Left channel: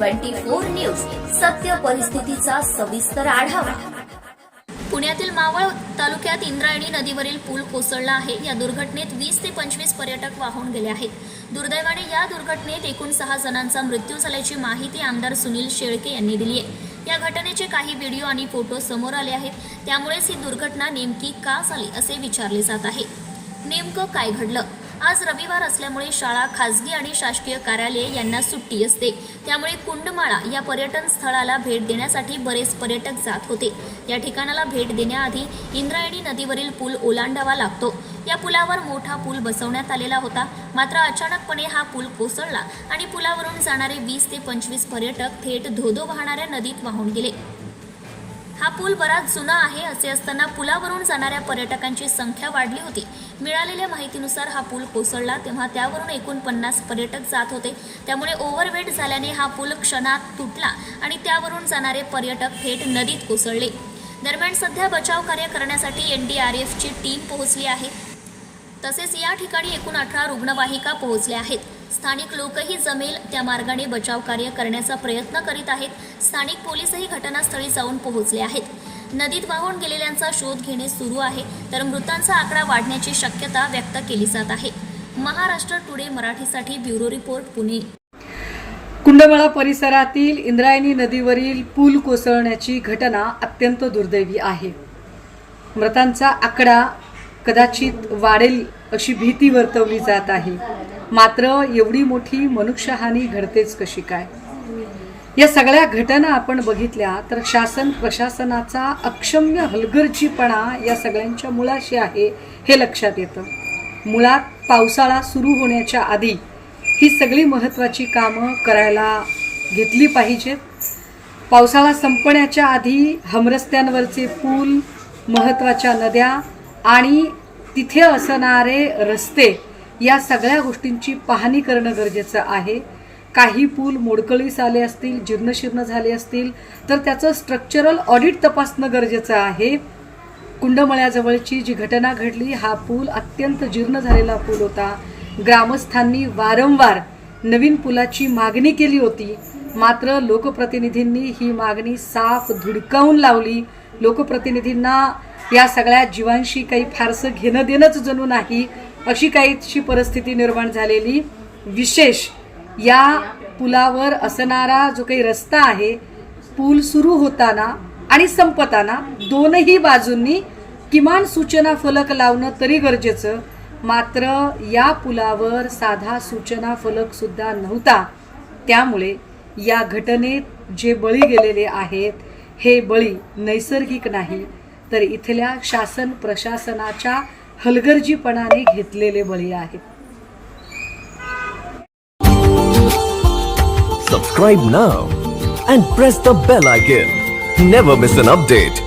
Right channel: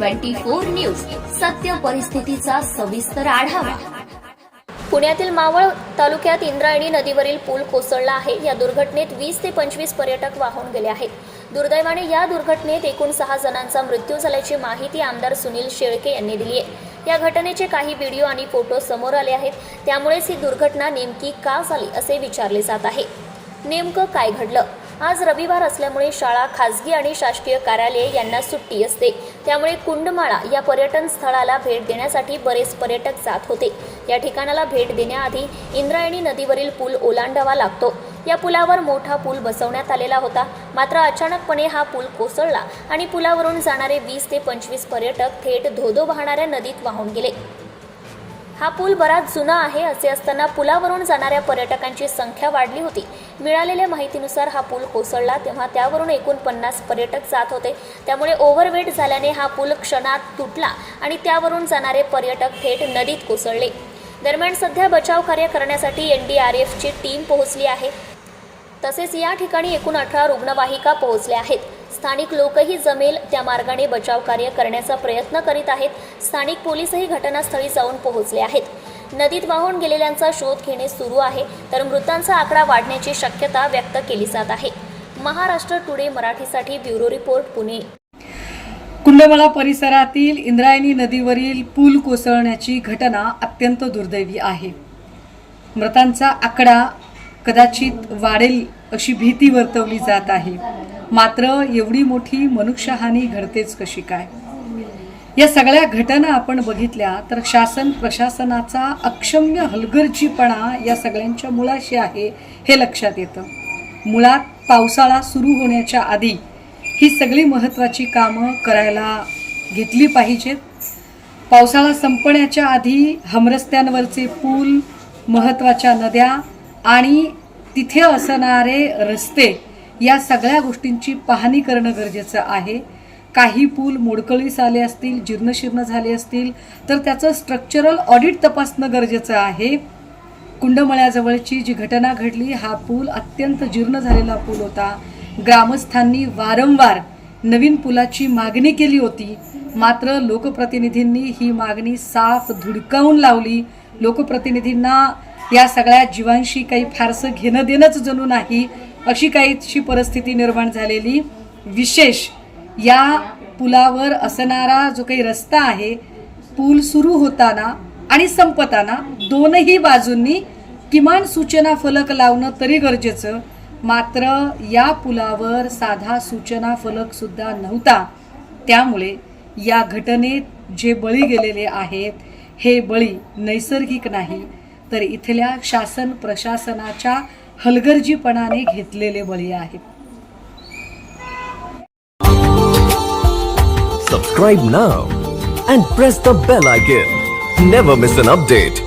Twenty four news सत्य परिस्थितीचा सविस्तर आढावा. पुण्यातील मावळ तालुक्यात इंद्रायणी नदीवरील पूल कोसळला आहे. या दुर्घटनेत वीस ते पंचवीस पर्यटक वाहून गेले आहेत. दुर्दैवाने या दुर्घटनेत एकूण सहा जणांचा मृत्यू झाल्याची माहिती आमदार सुनील शेळके यांनी दिली आहे. या घटनेचे काही व्हिडिओ आणि फोटो समोर आले आहेत. त्यामुळेच ही दुर्घटना नेमकी का झाली असे विचारले जात आहे. नेमकं काय घडलं? आज रविवार असल्यामुळे शाळा खासगी आणि शासकीय कार्यालये यांना सुट्टी असते. त्यामुळे कुंडमाळा या पर्यटन स्थळाला भेट देण्यासाठी बरेच पर्यटक जात होते. या ठिकाणाला भेट देण्याआधी इंद्रायणी नदीवरील पूल ओलांडावा लागतो. या पुलावर मोठा पूल बसवण्यात आलेला होता. मात्र अचानकपणे हा पूल कोसळला आणि पुलावरून जाणारे वीस ते पंचवीस पर्यटक थेट धोधो वाहणाऱ्या नदीत वाहून गेले. हा पूल बराच जुना आहे असे असताना पुलावरून जाणाऱ्या पर्यटकांची संख्या वाढली होती. मिळालेल्या माहितीनुसार हा पूल कोसळला तेव्हा त्यावरून एकूण पन्नास पर्यटक जात होते. त्यामुळे ओव्हरवेट झाल्याने हा पूल क्षणात तुटला आणि त्यावरून जाणारे पर्यटक थेट नदीत कोसळले. दरम्यान सध्या बचाव कार्य करण्यासाठी एन डी आर एफची टीम पोहोचली आहे. तसेच या ठिकाणी एकूण अठरा रुग्णवाहिका पोहोचल्या आहेत. स्थानिक लोकही जमेल त्या मार्गाने बचाव कार्य करण्याचा प्रयत्न करीत आहेत. स्थानिक पोलीसही घटनास्थळी जाऊन पोहोचले आहेत. नदीत वाहून गेलेल्यांचा शोध घेणे सुरू आहे तर मृतांचा आकडा वाढण्याची शक्यता व्यक्त केली जात आहे. महाराष्ट्र टुडे मराठीसाठी ब्युरो रिपोर्ट पुणे. कुंडमाळा परिसरातील इंद्रायणी नदीवरील पूल कोसळण्याची घटना अत्यंत दुर्दैवी आहे. मृतांचा आकडा कदाचित वाढेल अशी भीती वर्तवली जात आहे. मात्र एवढी मोठी मनुष्यहानी घडतेच कशी काय? या सगळ्या घटना आपण बघितल्या तर शासन प्रशासनाचा अक्षम्य हलगर्जीपणा या सगळ्यांच्या मुळाशी आहे हे लक्षात येतं. मुळात पावसाळा सुरू होण्याच्या आधी ही सगळी महत्त्वाची कामं करायला घेतली पाहिजेत. पावसाळा संपण्याच्या आधी हमरस्त्यांवरचे पूल महत्त्वाच्या नद्या आणि तिथे असणारे रस्ते या सगळ्या गोष्टींची पाहणी करणं गरजेचं आहे. काही पूल मोडकळीस आले असतील जीर्णशीर्ण झाले असतील तर त्याचं स्ट्रक्चरल ऑडिट तपासणं गरजेचं आहे. कुंडमळ्याजवळची जी घटना घडली हा पूल अत्यंत जीर्ण झालेला पूल होता. ग्रामस्थांनी वारंवार नवीन पुलाची मागणी केली होती. मात्र लोकप्रतिनिधींनी ही मागणी साफ धुडकावून लावली. लोकप्रतिनिधींना या सगळ्या जीवांशी काही फारसं घेणं देणंच जणू नाही. अशी काहीशी परिस्थिती निर्माण झालेली. विशेष या पुलावर असणारा जो काही रस्ता आहे पूल सुरू होताना आणि संपताना दोनही बाजूंनी किमान सूचना फलक लावणं तरी गरजेचं. मात्र या पुलावर साधा सूचना फलक सुद्धा नव्हता. त्यामुळे या घटनेत जे बळी गेलेले आहेत हे बळी नैसर्गिक नाही. तर इथल्या शासन प्रशासनाच्या हलगर्जीपणाने घेतलेले बळी आहेत. सबस्क्राईब ना and press the bell icon never miss an update